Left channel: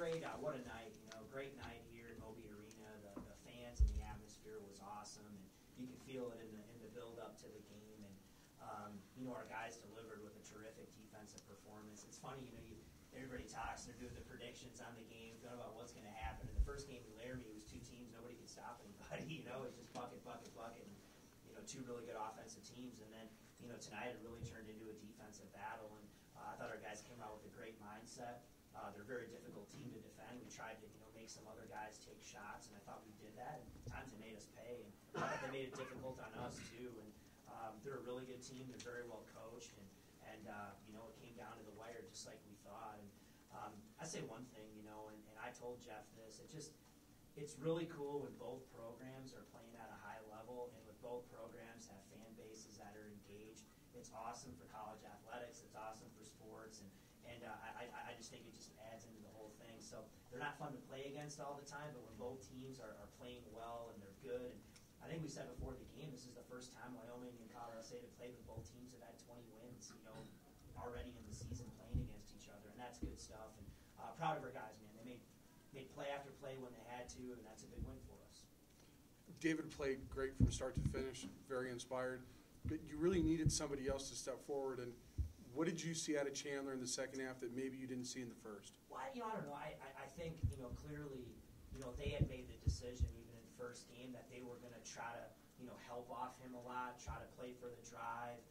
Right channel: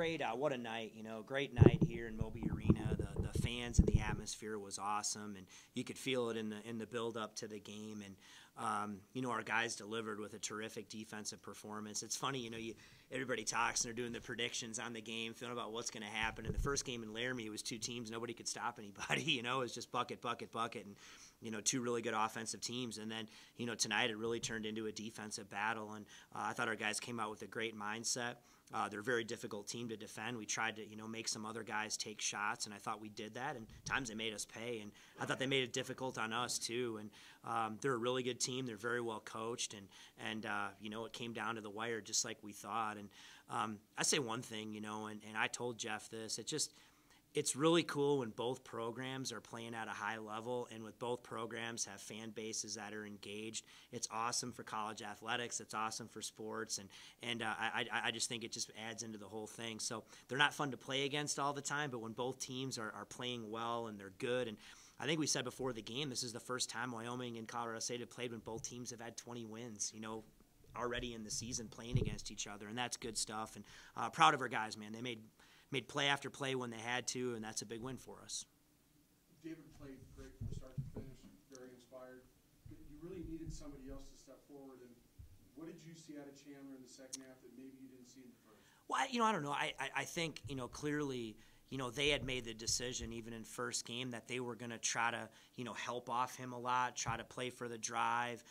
great. What a night, great night here in Moby Arena. The fans and the atmosphere was awesome, and you could feel it in the build up to the game. And our guys delivered with a terrific defensive performance. It's funny, everybody talks and they're doing the predictions on the game, feeling about what's going to happen. In the first game in Laramie, it was two teams, nobody could stop anybody. It was just bucket, bucket, bucket, and two really good offensive teams. And then, tonight it really turned into a defensive battle. And I thought our guys came out with a great mindset. They're a very difficult team to defend. We tried to, make some other guys take shots, and I thought we did that. And times they made us pay, and I thought they made it difficult on us too. And they're a really good team. They're very well coached, and it came down to the wire just like we thought. And I say one thing, and I told Jeff this. It's really cool when both programs are playing at a high level, and with both programs have fan bases that are engaged. It's awesome for college athletics. It's awesome for sports, and I just think it just adds into the whole thing. So they're not fun to play against all the time, but when both teams are playing well and they're good, and I think we said before the game, this is the first time Wyoming and Colorado State have played when both teams have had 20 wins, already in the season playing against each other, and that's good stuff. And proud of our guys, man. They made play after play when they had to, and that's a big win for us. David played great from start to finish, very inspired, but you really needed somebody else to step forward. And what did you see out of Chandler in the second half that maybe you didn't see in the first? Well, I don't know. I think, clearly, they had made the decision even in first game that they were going to try to, help off him a lot, try to play for the drive.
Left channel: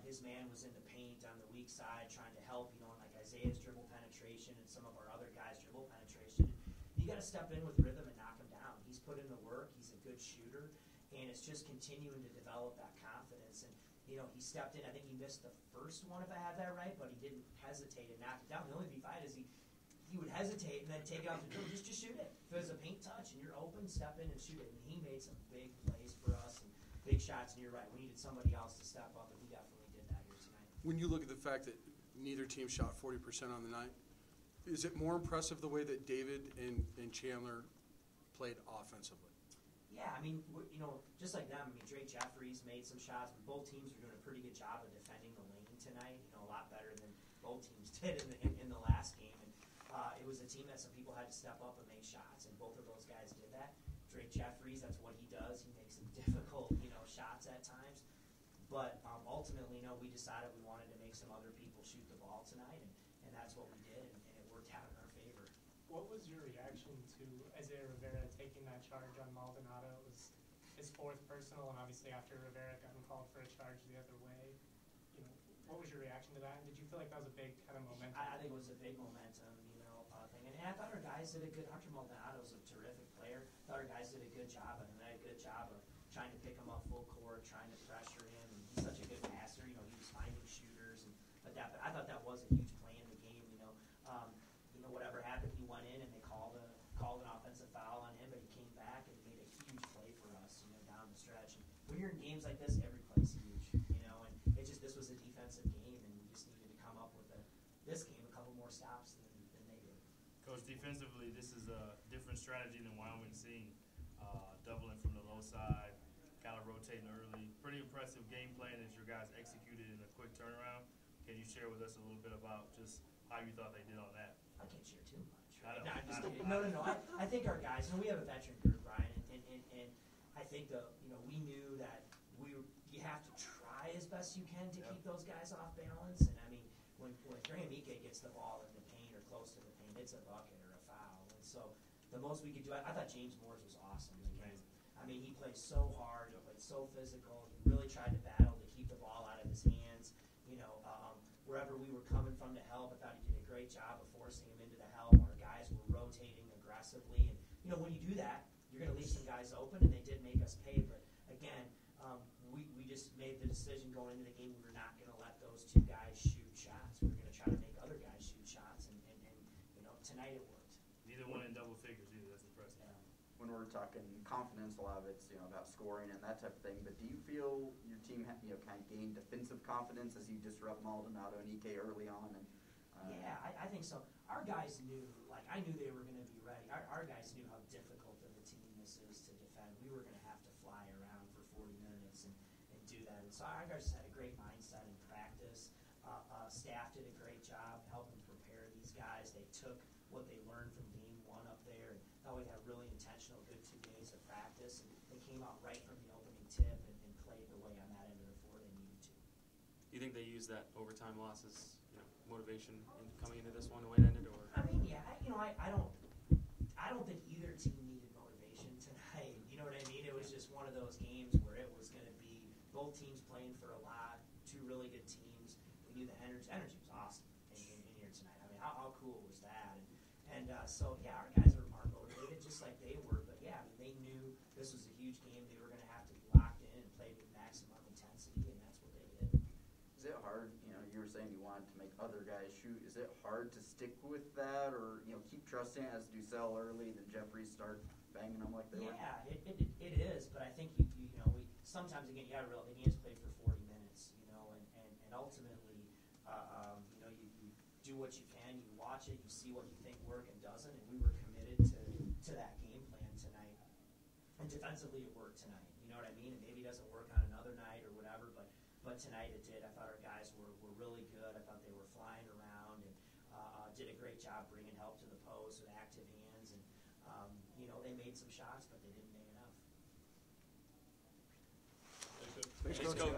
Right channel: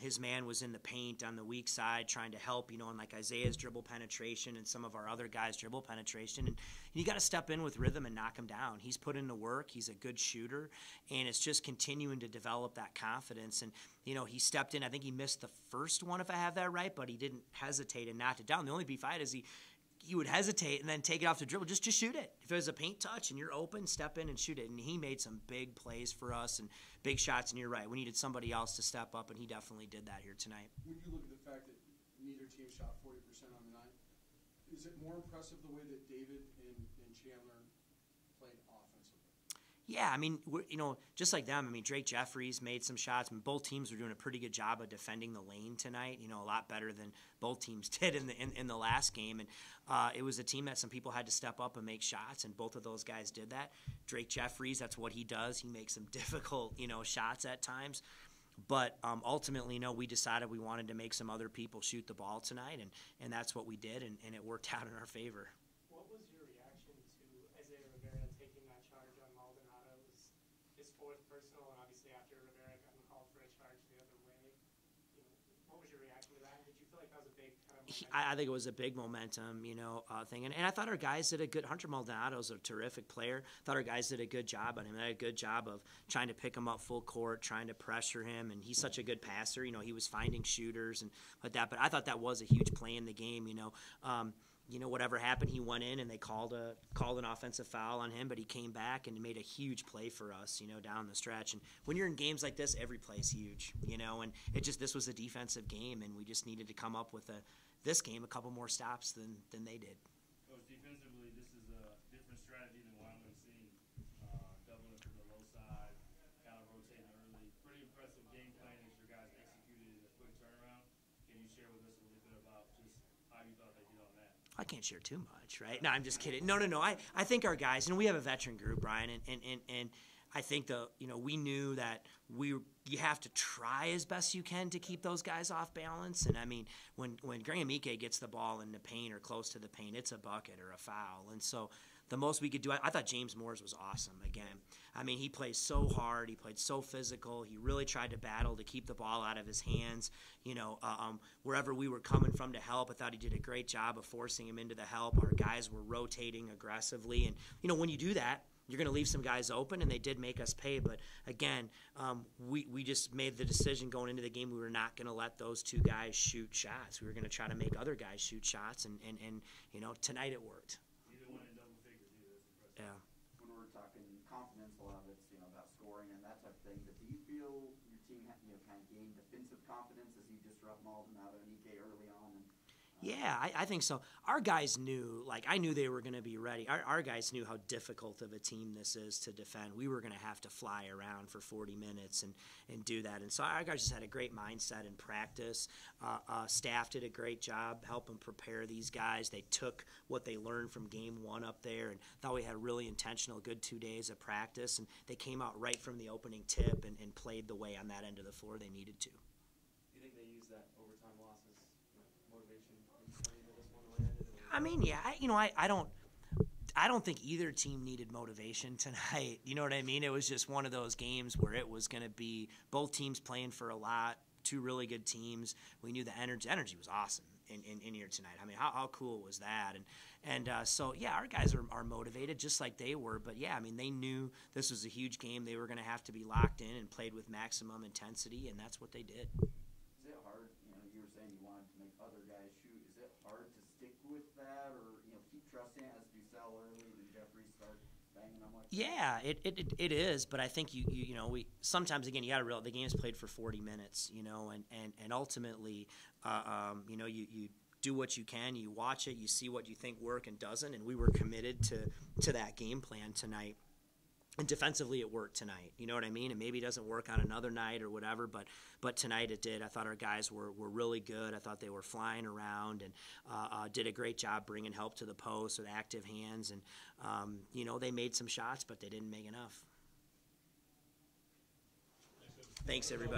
His man was in the paint on the weak side trying to help, and like Isaiah's dribble penetration and some of our other guys' dribble penetration. And you got to step in with rhythm and knock him down. He's put in the work. He's a good shooter, and it's just continuing to develop that confidence. And, he stepped in. I think he missed the first one, if I have that right, but he didn't hesitate and knocked it down. The only beef I had is he would hesitate and then take it off the dribble. Just shoot it. If it was a paint touch and you're open, step in and shoot it. And he made some big plays for us and big shots, and you're right. We needed somebody else to step up, and he definitely did that here tonight. When you look at the fact that neither team shot 40% on the night, is it more impressive the way that David and Chandler played offensively? Yeah, I mean, just like them. I mean, Drake Jeffries made some shots. I mean, both teams were doing a pretty good job of defending the lane tonight. A lot better than both teams did in the last game. And it was a team that some people had to step up and make shots, and both of those guys did that. Drake Jeffries, that's what he does. He makes some difficult, shots at times. But ultimately, we decided we wanted to make some other people shoot the ball tonight, and that's what we did, and it worked out in our favor. What was your reaction to Isaiah Rivera taking that charge on Maldonado? It was his fourth personal, and obviously after Rivera got him called for a charge the other way. What was your reaction to that? And did you feel like that was a big kind of momentum? I think it was a big momentum, thing. And I thought our guys did a good – Hunter Maldonado's a terrific player. I thought our guys did a good job on him. They had a good job of trying to pick him up full court, trying to pressure him. And he's such a good passer. He was finding shooters and like that. But I thought that was a huge play in the game, whatever happened, he went in and they called an offensive foul on him, but he came back and made a huge play for us, down the stretch. And when you're in games like this, every play is huge, and this was a defensive game, and we just needed to come up with this game a couple more stops than they did. Coach, defensively, this is a different strategy than Wyoming's seen. Doubling from the low side, kind of rotating early. Pretty impressive game plan that your guys executed in a quick turnaround. Can you share with us a little bit about just how you thought they did on that? I can't share too much, right? No, I'm just kidding. No. I think our guys, we have a veteran group, Brian, and I think we knew that you have to try as best you can to keep those guys off balance. And I mean, when Graham Ike gets the ball in the paint or close to the paint, it's a bucket or a foul. And so the most we could do, I thought James Moore's was awesome again. I mean, he played so hard. He played so physical. He really tried to battle to keep the ball out of his hands. Wherever we were coming from to help, I thought he did a great job of forcing him into the help. Our guys were rotating aggressively. And, when you do that, you're going to leave some guys open, and they did make us pay. But, again, we just made the decision going into the game we were not going to let those two guys shoot shots. We were going to try to make other guys shoot shots, and tonight it worked. Neither one in double figures either. That's impressive. Yeah. When we're talking confidence, a lot of it's about scoring and that type of thing. But do you feel your team kind of gained defensive confidence as you disrupt Maldonado and Ike early on? And Yeah, I think so. Our guys knew, like, I knew they were going to be ready. Our guys knew how difficult of a team this is to defend. We were going to have to fly around for 40 minutes and do that. And so our guys just had a great mindset in practice. Staff did a great job helping prepare these guys. They took what they learned from game one up there and thought we had a really intentional, good 2 days of practice. And they came out right from the opening tip and played the way on that end of the floor they needed to. You think they used that overtime loss as motivation in coming into this one the way it ended? Or? I mean, yeah, I don't think either team needed motivation tonight. You know what I mean? It was just one of those games where it was going to be both teams playing for a lot, two really good teams. We knew the energy was awesome in here tonight. I mean, how cool was that? And so, yeah, our guys are motivated just like they were. But, yeah, I mean, they knew this was a huge game. They were going to have to be locked in and played with maximum intensity, and that's what they did. Is it hard, you were saying you wanted to make other guys shoot, is it hard to stick with that or, keep trusting it as Ducell early and Jeffrey start banging them like that? Yeah, it is, but I think we sometimes, again, you got to realize the game's played for 40 minutes, and ultimately, you do what you can, you watch it, you see what you think work and doesn't, and we were committed to that game plan tonight. And defensively, it worked tonight. You know what I mean? And maybe it doesn't work on another night or whatever, but tonight it did. I thought our guys were really good. I thought they were flying around and did a great job bringing help to the post with active hands. And, they made some shots, but they didn't make enough. Thanks, everybody.